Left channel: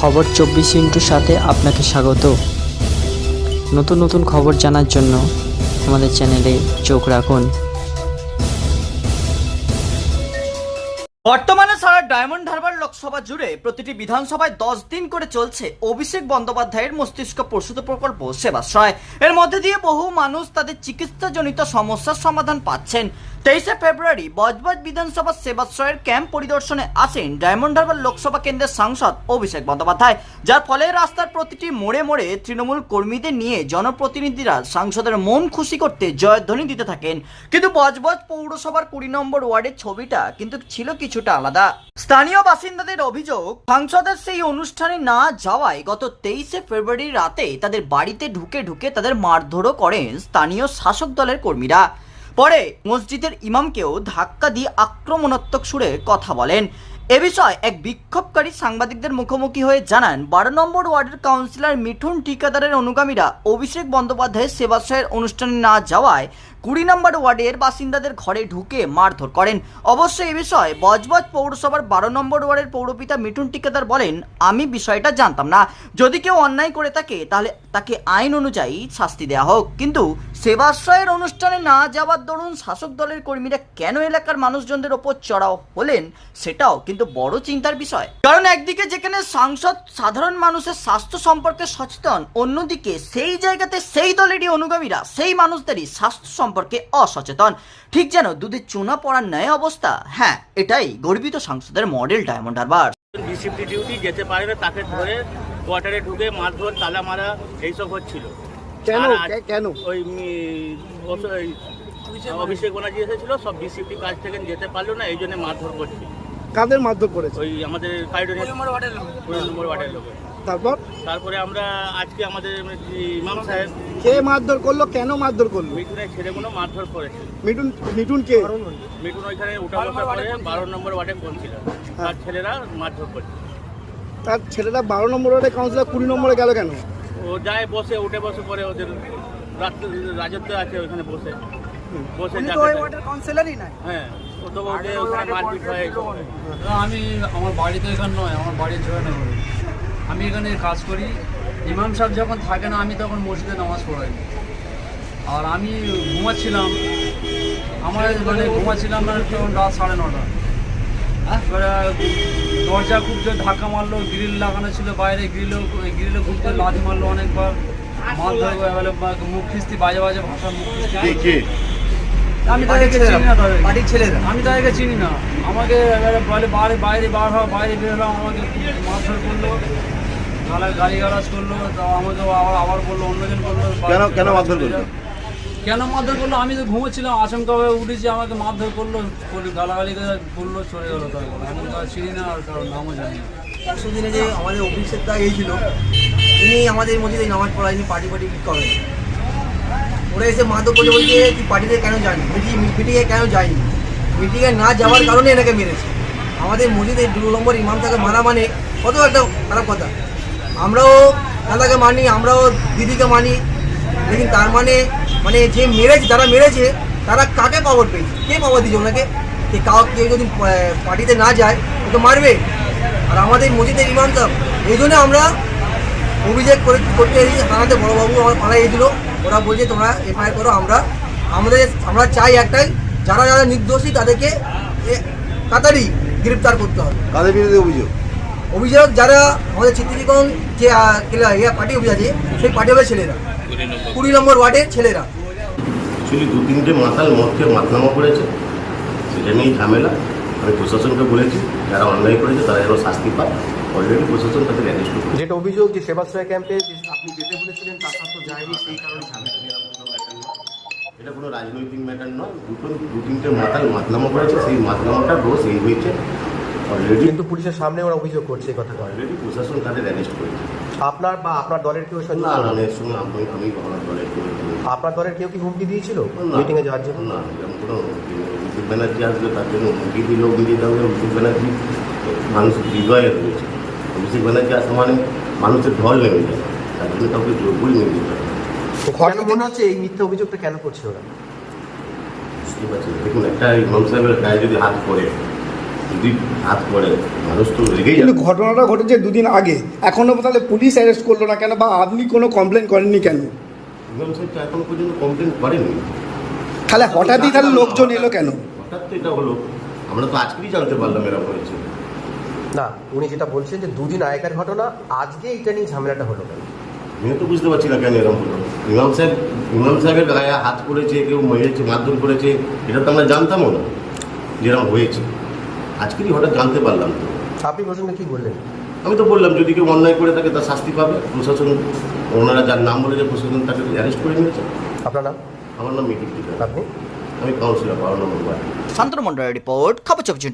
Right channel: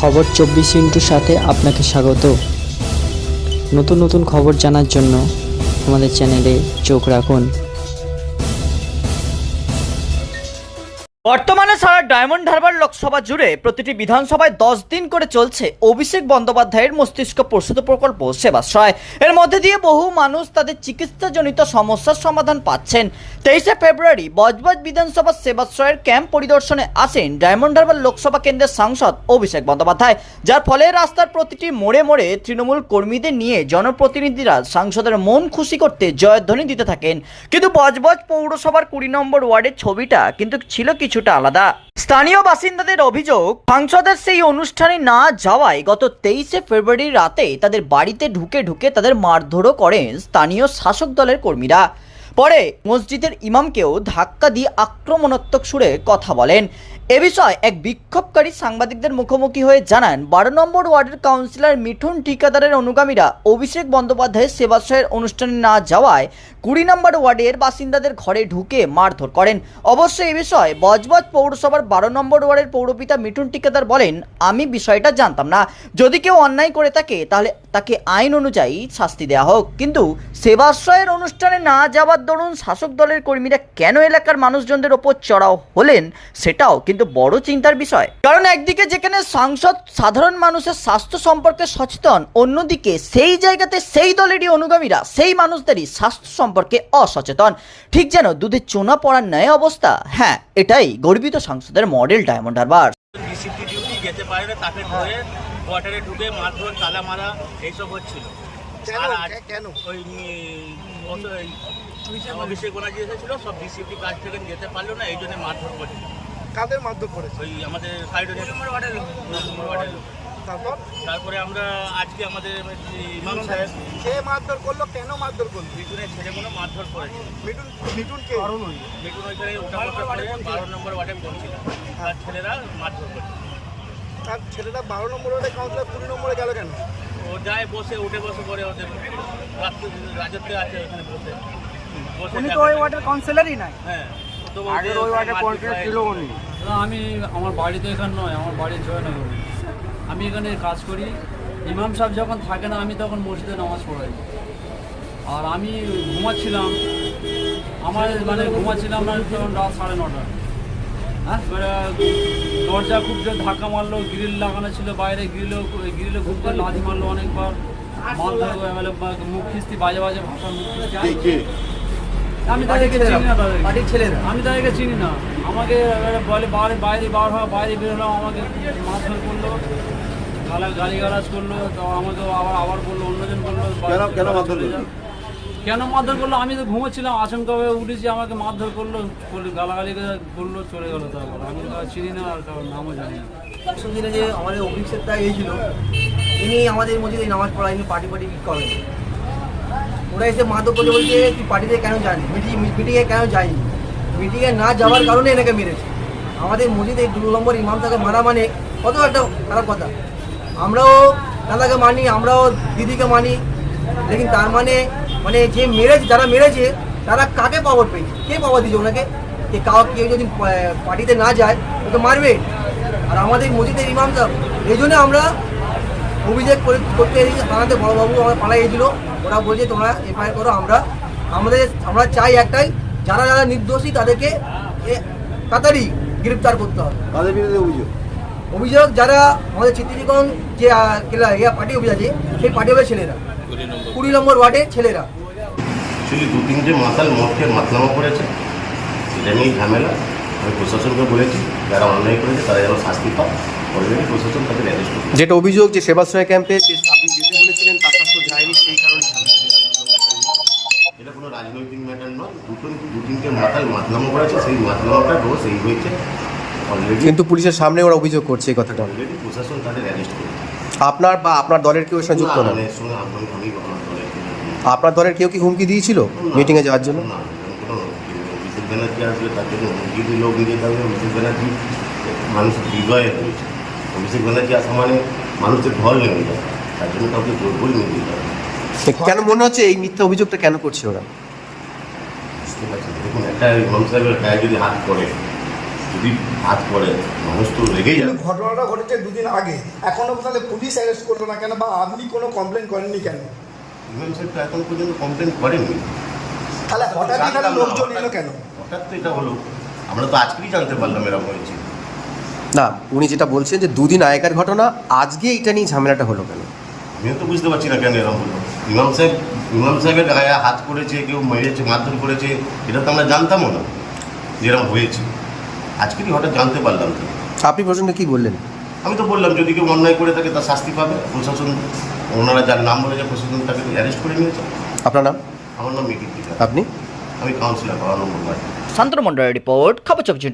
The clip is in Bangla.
খবর চব্বিশ ইন্টুর সাথে আপনাকে স্বাগত। নতুন নতুন খবর জানার জন্য আমাদের চ্যানেলে চোখ রাখুন। বর্তমানে সারা ডায়মন্ড হারবার লোকসভা জুড়ে প্রতিটি বিধানসভায় দশ দিন করে চলছে অভিষেক বন্দ্যোপাধ্যায়ের মস্তিষ্ক প্রসূত প্রকল্প সেবাশ্রয়। এর মধ্যে দিয়ে বহু মানুষ তাদের চিকিৎসাজনিত সমস্যার সমাধান পাচ্ছেন। তেইশে ফেব্রুয়ারি বজবজ বিধানসভা সেবাশ্রয়ের ক্যাম্প পরিদর্শনে আসেন ডায়মন্ড হারবার লোকসভা কেন্দ্রের সাংসদ অভিষেক বন্দ্যোপাধ্যায়। যার ফলে রাস্তার প্রতিটি মোড়ে মোড়ে তৃণমূল কর্মীদের নিয়ে জনপ্রতিনিধিরা সাংসদের মন খুশি করতে জয়ধ্বনি দিতে থাকেন। কিন্তু বজবজ পৌরসভার কুড়ি নম্বর ওয়ার্ডের ছবিটা কিন্তু ছিল কিছুটা আলাদা। স্থানীয় বাসিন্দাদের অভিযোগ, সাংসদের সেই অনুষ্ঠানে না যাওয়ায় গত তেইশে ফেব্রুয়ারি রাতে তাদের বাড়িতে ঢুকে ঢুকে তাদের মারধরও করেন স্থানীয় শাসক দলের কর্মীরা। পরে মসজিদের ইমামকেও ধাক্কা দিয়ে আক্রমণাত্মক সুরে কথা বলেন। এ বিষয়ে এক বিক্ষোভকারী সাংবাদিকদের মুখোমুখি হয়ে জানান, বারো নম্বর ওয়ার্ডের কাউন্সিলর মিঠুন ঠিকাদারের অনুগামীরা অভিষেক বন্দ্যোপাধ্যায়ের সেবাশ্রয়ের অনুষ্ঠানে না যাওয়ায় কুড়ি নম্বর ওয়ার্ডের বাসিন্দাদের ঘরে ঢুকে মারধর করেন। অবশ্য এ বিষয়ে বজবজ পৌরসভার বারো নম্বর ওয়ার্ডের পৌরপিতা মিঠুন ঠিকাদার বলেন, আমি বিষয়টা জানতাম না। যদি কেউ অন্যায় করে থাকে, তাহলে তাকে আইন অনুযায়ী শাস্তি দেওয়া হোক। কিন্তু সেবাশ্রয়ের অনুষ্ঠানে না যাওয়ার দরুন শাসক দলের কর্মীরা কেন এলাকার মানুষজনদের ওপর চড়াও হলেন সেটাও কিন্তু বড় চিন্তার বিষয়। কারণ একদিকে যেখানে সাংসদ সাধারণ মানুষের স্বাস্থ্য সম্পর্কে সচেতন, অন্যদিকে সেই জায়গাতে সেই দলেরই অনুগামীরা, সেই মানুষদেরই স্বাস্থ্য সম্পর্কে অসচেতন। ঠিক যেন দুধে চোনা পড়ার ন্যায় অবস্থা। হ্যাঁ এটাই গর্বিত সাংসদের model Diamond Harbour. Discipline duty যেতে পারে না তাকে ধরে কোয়ার্টারে ঢুকে মারধর তালা মারা এইসব হচ্ছিল। কেন? আর কেন? ওই অভিষেক ব্যানার্জি এসেছিল সব ডিসিপ্লি কাজ থেকে যেতে পারল না এই জন্য মারধর করছিল। কাদের মারধর করেছে? ওই আমাদের সাইড কুড়ি নম্বর ওয়ার্ডের লোকের তারপর? তারপরে আমরা আজকে আমাদের ইমাম সাহেব কে মারধর করল? কেন মারধর করল? মিঠুনের ছেলেগুলো মারধর করেছিল মিঠুন মিঠুন কে? মিঠুন ওইখানে উঠা বসা করে বারো নম্বর ওয়ার্ডে পড়ছিল তার ছেলেরা মারধর করছে। তার ছেলেটা বারো নম্বর ওয়ার্ডে কাউন্সিলর কুড়ি নম্বরে গেল কেন? ও যায় বসে উঠে বসে পরে ওদের রাত- রাজত্ব আছে ওখানে বসে। বসে যাকে কাউন্সিলরই নাই। হ্যাঁ ও তো আমি আমার বাড়ি তো এখানে নয় আমার বাড়ি জয়নগর আমি এখানে কাজ করি। ইমাম সাহেব যখন থাকে না আমি তখন মসজিদে নামাজ পড়াই। আর আমি ঘুমাচ্ছিলাম। আমার মানে ঘুমাচ্ছিলাম না তখন রাত সাড়ে নটা। এবারে দরজা খুব জোর ধাক্কা মারলো গ্রিল লাগানো ছিল বাইরে গ্রিলও গ্রিলে খুব জোর লাথি মারলো অনেকবার। এবারে মুখ খিস্তি বাজে বাজে ভাষার মুখ খিস্তি। আমি তাদেরকে চিনি না তাদেরকে। ছেলেরা আমি তাদেরকে চিনি না। আমাকে এবারে বলে বাইরে বাইরে বার হওয়া বাইরে বেরোলাম আমাকে মারধর করল গালা গালি গালাজ করল তো আমাকে আবার আবার বলল অন্যজন বলল কেন কেন মারধর। কেন মারধর করল? আমি তো ঘুমোচ্ছিলাম আচমকা হয়ে উঠেছি আমাকে মারধর করল গালাগালি করে করল চলে গেলো তারপর। আমি তো আর চিনি না আর কারোর নামও জানি না। পরশু দিনে যে আমাদের অভিষেকটা এইছিল তিনি আমাদের মধ্যে নামাজ পড়ায়নি পার্টি পার্টি করেন। ওরা এসে মাদক করে বলছে তুই পার্টিতে কেন যায়নি? মিটিং মিটিংয়ে কেন যায়নি? মিটিংয়ে না যাওয়ার কারণে এনাকে মেরেছে। আমাদের মসজিদে দু নম্বর ইমাম তাকে মারা মানে কত একটা খারাপ কথা। আমরাও দাদাকে মানি, আমরাও দিদিকে মানি, লেকিন তার মানে মানে যে মেরেছে, যারা মেরেছে, তারা কাকে পাওয়ার পেয়েছে? কে পাওয়ার দিয়েছে ওনাকে? যে কাউ কেউ যদি পার্টিতে না যায়, ও তো মারবে। আর আমাদের মসজিদের ইমাম সাহেব, এই জন্য আমরা অভিযোগ করে, করতে থানাতে বড়বাবু আমার পাড়ায় এসেছিল। ওরা বলছে তোমরা এফআইআর করো আমরা আমাদের আমরা চাই একটাই যারা যারা নির্দোষী তাদেরকে এ তাড়াতাড়ি গ্রেপ্তার করতে হবে। কাদের বিরুদ্ধে অভিযোগ? অভিযোগ যারা আমাদের চিত্রীকরণ যে কেলা- ইয়া পার্টি অফিস আছে সেই পার্টি অফিসের ছেলেরা। কুড়ি নম্বর ওয়ার্ডের ছেলেরা। অ্যাকচুয়ালি দু তিনটে মাতাল মদকে মাতলামা করেছে। সেটা নিয়েই ঝামেলা। আমি প্রশাসনকে বলেছি যারা অন্যায় করেছে তারা যেন শাস্তি পায়। অলরেডি প্রশাসন তাদের অ্যারেস্ট যেটা অভিযোগ যে সেবাশ্রয় ক্যাম্পে মাতলামা করেছে সেই মাতলামাটার দোষ এই হয়েছে। অলরেডি কিন্তু পুলিশের সামনে ওরা অভিযোগ করছে এই কথাটা। অলরেডি প্রশাসন তাদের অ্যারেস্ট করেছে। আপনার বা আপনার দলের কেউ এর সঙ্গে না যুক্ত না, না? এর সঙ্গে আমি আমি আমার দলের কেউ আপনার দলের কেউ কি হুমকি দিয়েছিল মিটিংয়ে যাওয়ার জন্য? না অভিষেক ব্যানার্জি আসবে তার জন্য হুমকি দিলেও মিলিয়ে থাকবে অভিষেক ব্যানার্জি মানুষের হৃদয়ে রয়েছে অভিষেক ব্যানার্জি আসা মানে মানুষের ঢল নেমে যায়। তার জন্য কাউকে জোরবই নিয়ে দিতে হবে। কেন মনে হচ্ছে এই মিথ্যা অভিযোগটা কেন করছে ওরা? বুঝতে পারছি না। দেখুন একটা ইমাম সাহেবের গায়ে যদি হাত পড়ে যদি হাত পড়ে মানুষ তো কিন্তু যাবে। ঘটনাটা ঘটেছে দুদিন আগে। এখনও তাহলে পুলিশ অ্যারেস্ট করল না কেন বা আপনি কোনো কমপ্লেন করেননি কেন? ইমাম সাহেব তো এখন পর্যন্ত কমপ্লেন করেননি। তাহলে হঠাৎই তাহলে লোকজন এলো কেন? হঠাৎ তো এটা হলো। আমরা তো আজকেই জানতে পারলাম এরকম হয়েছে। না উনি যেটা বলছেন যে দুদিন আগেকার ঘটনা আজকে এটা নিয়ে ঝামেলাটা হলো আমিও তো বুঝতে পারছি না কেন এরকম হলো। ইমাম সাহেব ইমাম সাহেবের গায়ে হাত করেছে কেউ মেরেছে মারধর করেছে এটা তো আমরা জানতামও না যেরকম হয়েছে। আজকেরই হঠাৎ জানতে পারলাম তো। আপনি প্রশ্নটা কি বললেন? আমি তো বললাম যদি কেউ অন্যায় করে থাকে তার শাস্তি পাবে প্রশাসন ওনারা যার নাম বলেছে প্রশাসন তাকে অ্যারেস্ট করে নিয়েছে। আপনার নাম? আমার নাম মিটুর আপনি? আমি কাউন্সিলর বারো নম্বর শান্তনু মন্ডলের রিপোর্ট খবর চব্বিশ